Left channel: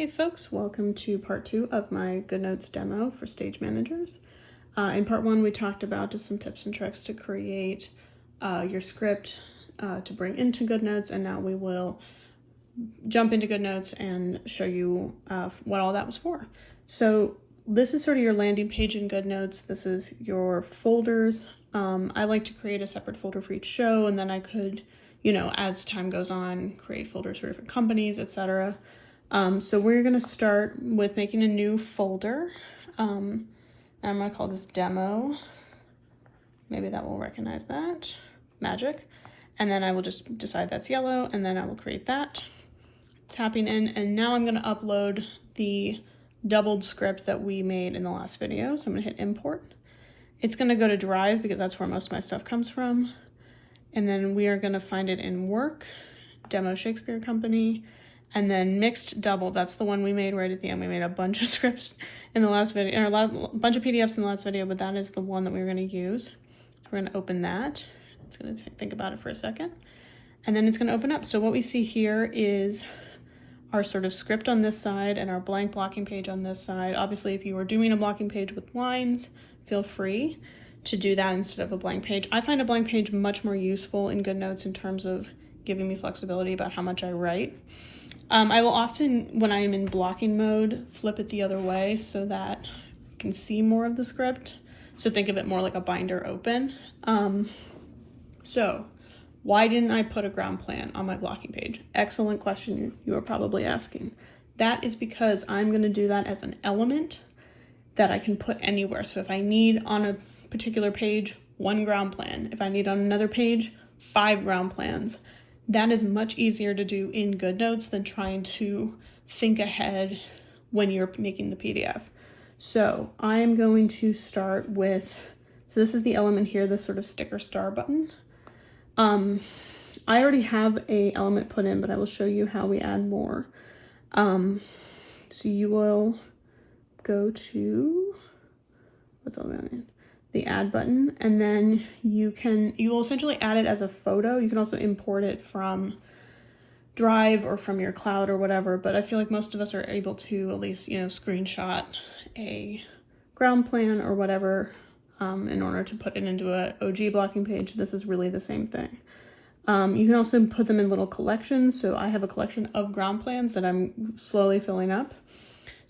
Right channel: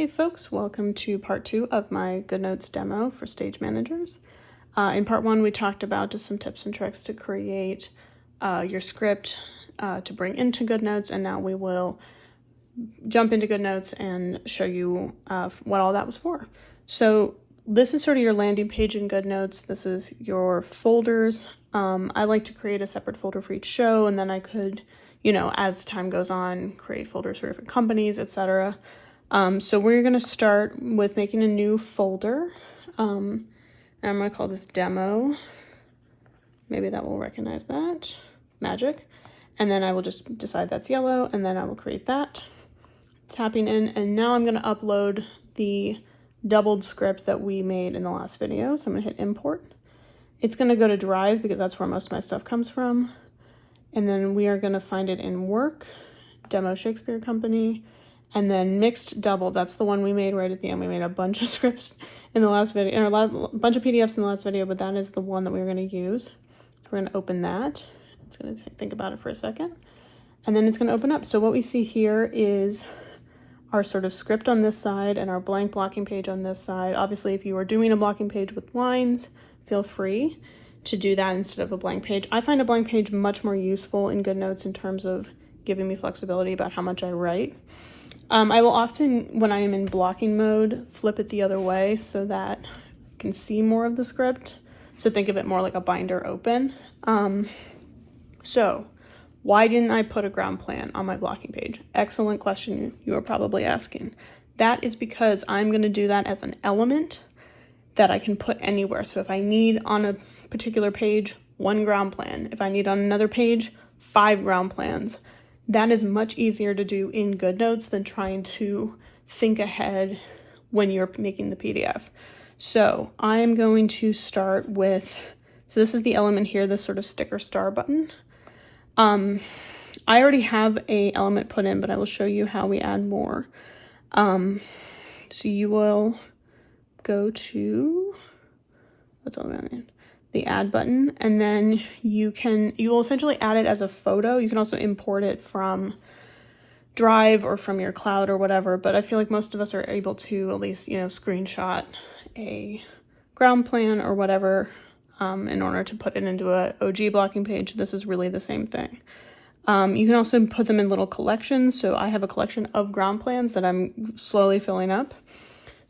Hey folks, welcome to part 2 of my GoodNotes demo for stage managers. In part 1 we talked about just some tips and tricks to create your script to bring into GoodNotes, and now we will jump into GoodNotes and show you what all that was for. So this is sort of your landing page in GoodNotes. This is your folders. I like to create a separate folder for each show, and then I could, as time goes on, create folders for different companies, etc. So we're going to start with making a new folder, and I'm going to call this demo. Maybe that will recognize that. Magic. And then I will just decide that's yellow, and then I will create that. Tapping in, and now I'm going to upload the doubled script that we made in the last video. So I'm going to hit import. It's going to go to Drive because that's where most of my stuff comes from. And then we are going to find it in Work, Demo Shakespeare Company. And then mixed double, that's the one we made right at the end. We made a bunch of scripts in the last video, or a bunch of PDFs in the last video, but that is the one that we were going to use. We're going to open that. It's going to think about it for a second. And then it's going to open up. So what we see here is our sort of script on this side and our blank blocking page on this side. Obviously, if you are doing a blocking page with lines, feel free to do that instead of a blank page. I find a blank page much more useful in GoodNotes in terms of giving me flexibility about how much I write. I will often, when I am in blocking mode, flip it the other way so that I can see more of the script. So think of it more like a binder open. So why didn't I put a ground plan on my blocking page? Excellent question you are probably asking. That is because I'm going to do that as an element that I can put anywhere. So if I need on a particular page, 1 ground plan. If I need on another page, 5 ground plans. That is much easier to do in GoodNotes than trying to think ahead when you're making the PDF. So I'm going to start with, so this is the element here, this sort of sticker star button. I already have a element put in, but I will show you how we add more. So you will go to, what's all that mean? The add button, and then you will essentially add it as a photo. You can also import it from Drive or from your cloud or whatever, but I feel like most of us are able to at least, screenshot a ground plan or whatever in order to put it into a OG blocking page. This is really the same thing. You can also put them in little collections. So I have a collection of ground plans that I'm slowly filling up.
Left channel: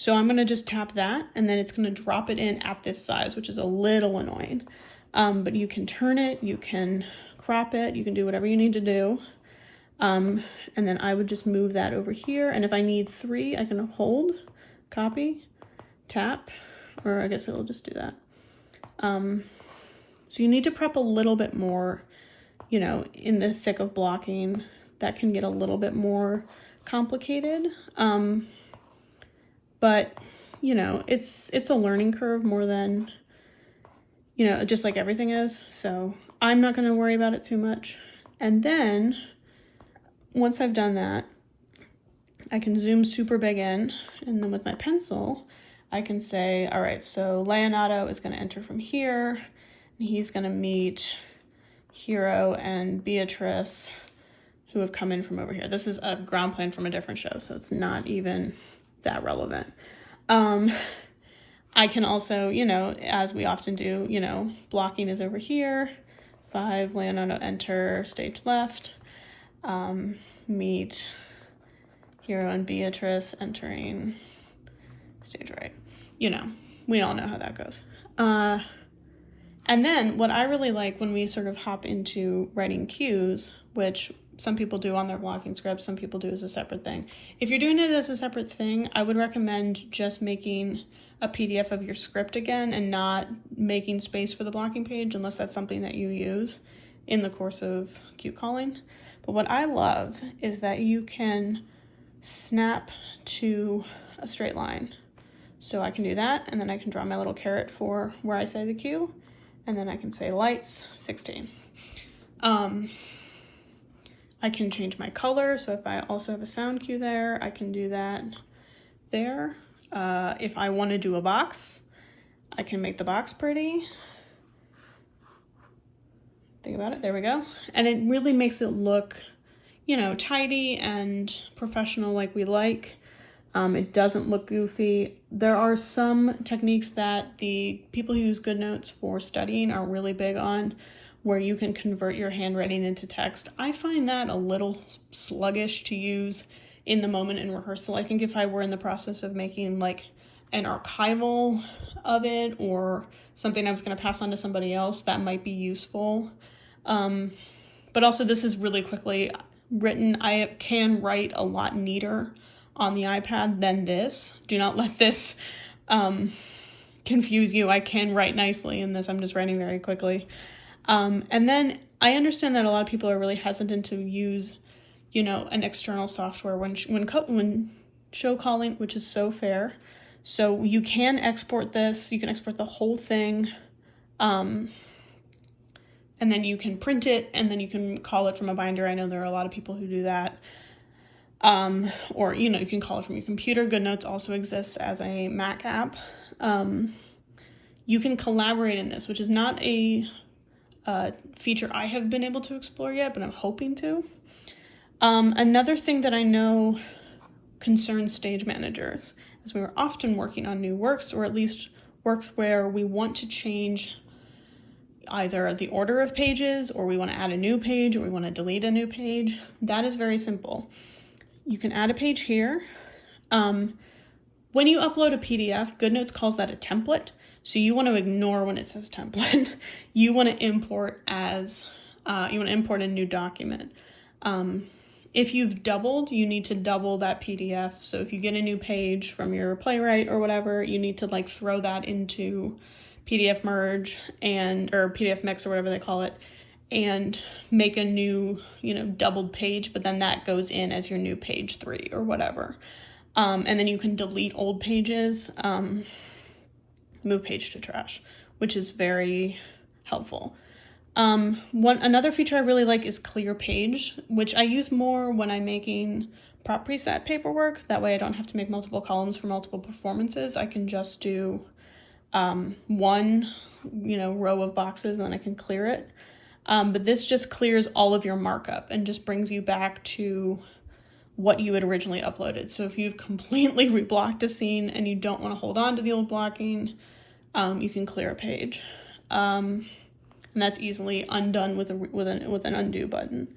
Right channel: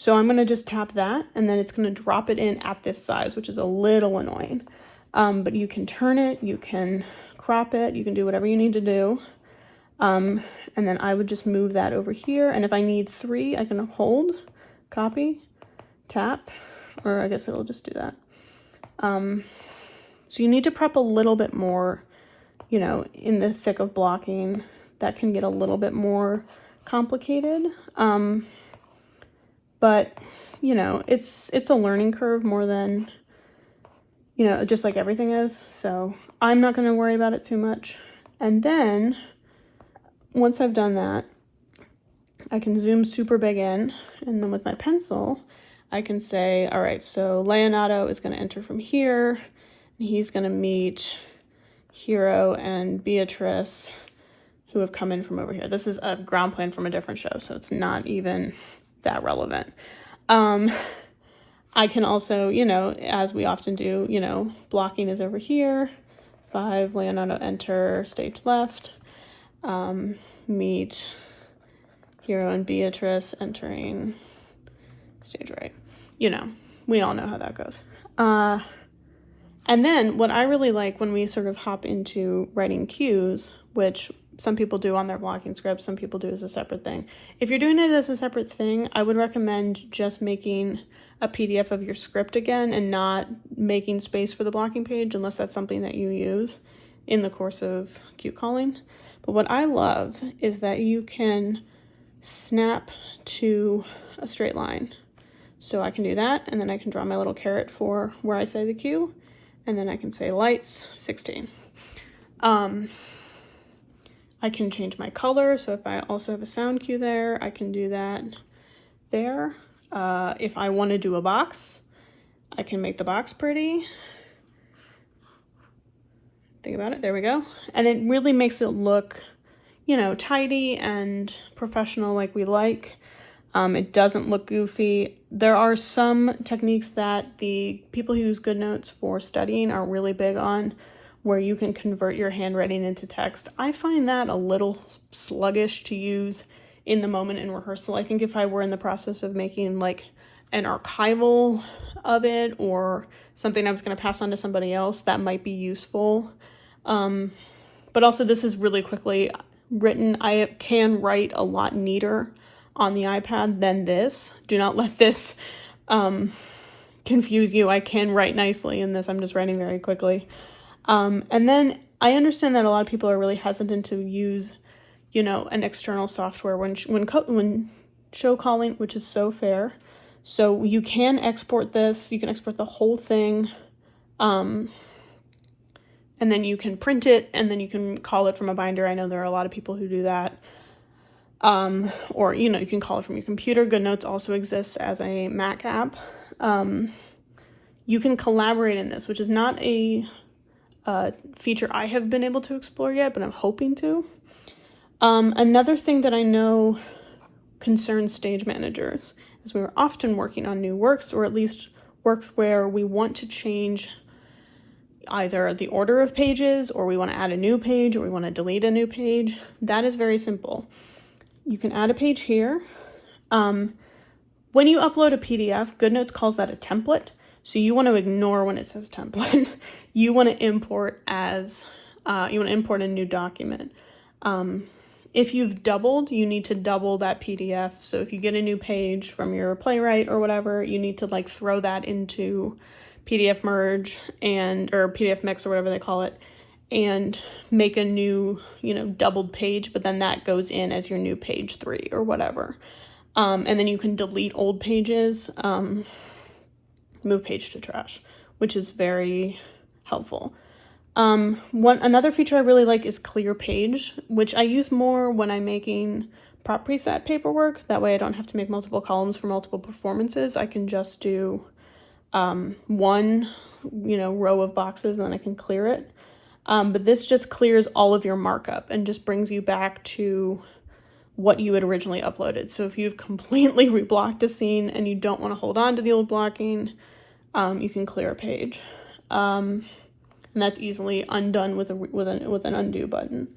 So I'm going to just tap that, and then it's going to drop it in at this size, which is a little annoying. But you can turn it, you can crop it, you can do whatever you need to do. And then I would just move that over here. And if I need 3, I can hold, copy, tap, or I guess it'll just do that. So you need to prep a little bit more, in the thick of blocking. That can get a little bit more complicated. But, it's a learning curve more than, just like everything is. So I'm not going to worry about it too much. And then once I've done that, I can zoom super big in. And then with my pencil, I can say, all right, so Leonardo is going to enter from here. And he's going to meet Hero and Beatrice, who have come in from over here. This is a ground plan from a different show, so it's not even that relevant. I can also, as we often do, blocking is over here. 5, Leonardo enter, stage left. Meet Hero and Beatrice entering stage right. We all know how that goes. And then what I really like when we sort of hop into writing cues, which some people do on their blocking scripts, some people do as a separate thing. If you're doing it as a separate thing, I would recommend just making a PDF of your script again and not making space for the blocking page unless that's something that you use in the course of cue calling. But what I love is that you can snap to a straight line. So I can do that, and then I can draw my little caret for where I say the cue, and then I can say lights 16. I can change my color, so if I also have a sound cue there, I can do that there. If I want to do a box, I can make the box pretty. Think about it, there we go. And it really makes it look, tidy and professional like we like. It doesn't look goofy. There are some techniques that the people who use GoodNotes for studying are really big on, where you can convert your handwriting into text. I find that a little sluggish to use in the moment in rehearsal. I think if I were in the process of making like an archival of it or something I was going to pass on to somebody else, that might be useful. But also this is really quickly written. I can write a lot neater on the iPad than this. Do not let this confuse you. I can write nicely in this. I'm just writing very quickly. And then I understand that a lot of people are really hesitant to use, you know, an external software when show calling, which is so fair. So you can export this. You can export the whole thing. And then you can print it, and then you can call it from a binder. I know there are a lot of people who do that. Or, you know, you can call it from your computer. GoodNotes also exists as a Mac app. You can collaborate in this, which is not a feature I have been able to explore yet, but I'm hoping to. Another thing that I know concerns stage managers is we're often working on new works, or at least works where we want to change either the order of pages, or we want to add a new page, or we want to delete a new page. That is very simple. You can add a page here. When you upload a PDF, GoodNotes calls that a template. So you want to ignore when it says template. You want to import as, you want to import a new document. If you've doubled, you need to double that PDF. So if you get a new page from your Playwright or whatever, you need to like throw that into PDF merge or PDF mix or whatever they call it, and make a new, you know, doubled page, but then that goes in as your new page 3 or whatever. And then you can delete old pages, move page to trash, which is very helpful. Another feature I really like is clear page, which I use more when I'm making prop preset paperwork. That way I don't have to make multiple columns for multiple performances. I can just do one, you know, row of boxes, and then I can clear it. But this just clears all of your markup and just brings you back to what you had originally uploaded. So if you've completely reblocked a scene and you don't want to hold on to the old blocking, you can clear a page. And that's easily undone with an undo button.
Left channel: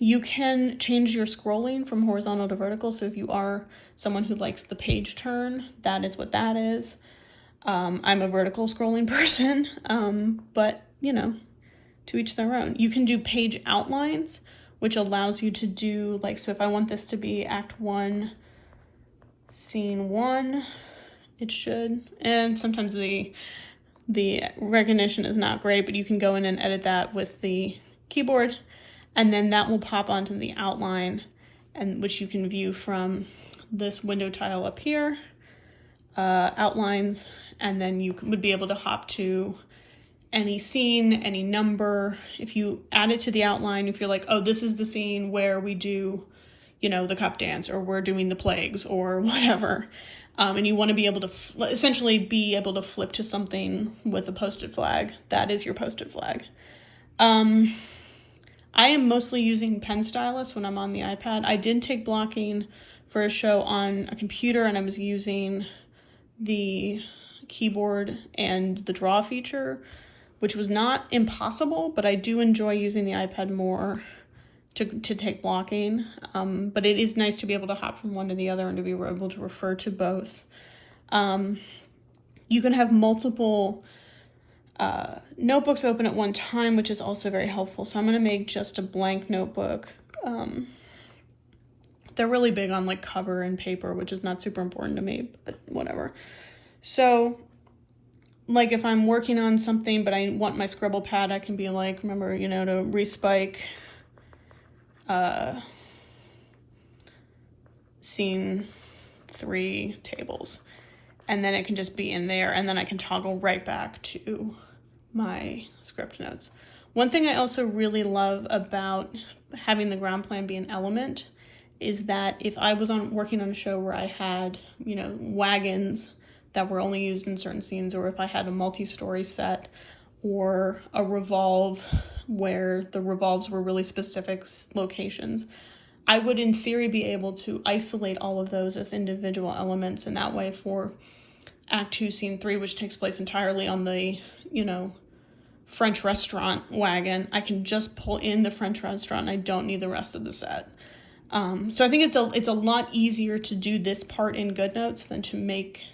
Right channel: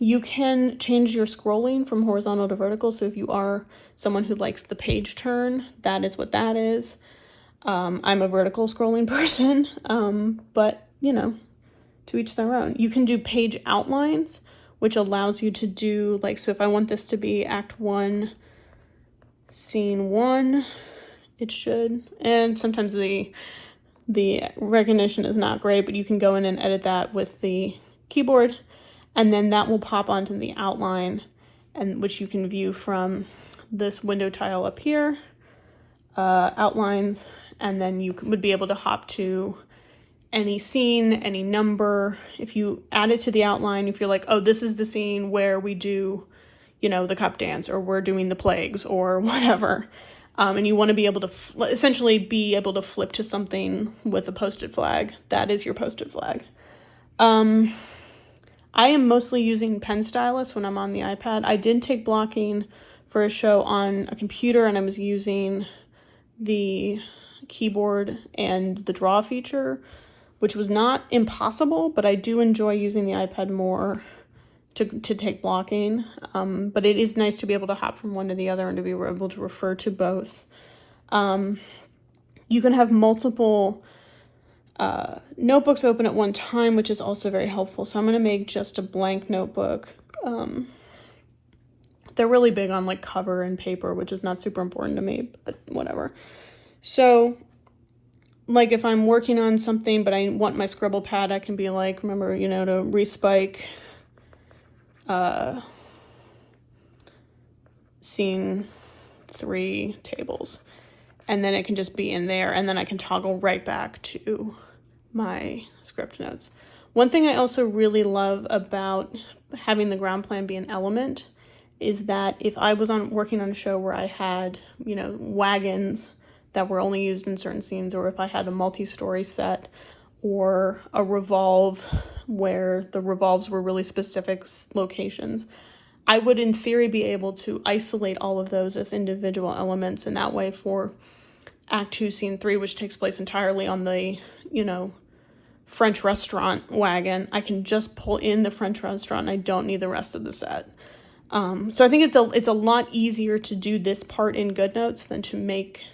You can change your scrolling from horizontal to vertical. So if you are someone who likes the page turn, that is what that is. I'm a vertical scrolling person, but you know, to each their own. You can do page outlines, which allows you to do like, so if I want this to be act 1, scene 1, it should, and sometimes the recognition is not great, but you can go in and edit that with the keyboard, and then that will pop onto the outline, and which you can view from this window tile up here, outlines, and then you would be able to hop to any scene, any number. If you add it to the outline, if you're like, oh, this is the scene where we do, you know, the cup dance, or we're doing the plagues or whatever, and you want to be able to essentially be able to flip to something with a post-it flag, that is your post-it flag. I am mostly using pen stylus when I'm on the iPad. I did take blocking for a show on a computer, and I was using the keyboard and the draw feature, which was not impossible, but I do enjoy using the iPad more to take blocking. But it is nice to be able to hop from one to the other and to be able to refer to both. You can have multiple notebooks open at one time, which is also very helpful. So I'm going to make just a blank notebook. They're really big on like cover and paper, which is not super important to me, but whatever. So like if I'm working on something, but I want my scribble pad, I can be like, remember, you know, to respike scene 3 tables. And then it can just be in there, and then I can toggle right back to my script notes. One thing I also really love about having the ground plan be an element is that if I was working on a show where I had, you know, wagons that were only used in certain scenes, or if I had a multi-story set or a revolve where the revolves were really specific locations, I would in theory be able to isolate all of those as individual elements, and that way for Act 2, Scene 3, which takes place entirely on the, you know, French restaurant wagon, I can just pull in the French restaurant and I don't need the rest of the set. So I think it's a lot easier to do this part in GoodNotes than to make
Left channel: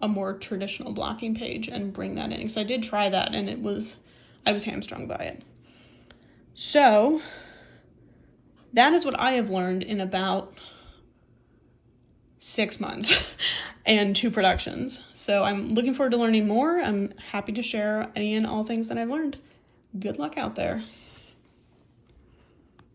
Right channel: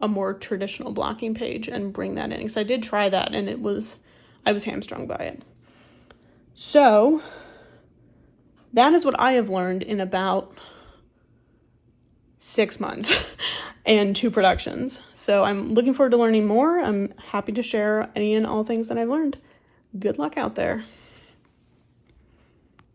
a more traditional blocking page and bring that in. So I did try that and I was hamstrung by it. So that is what I have learned in about 6 months and 2 productions. So I'm looking forward to learning more. I'm happy to share any and all things that I've learned. Good luck out there.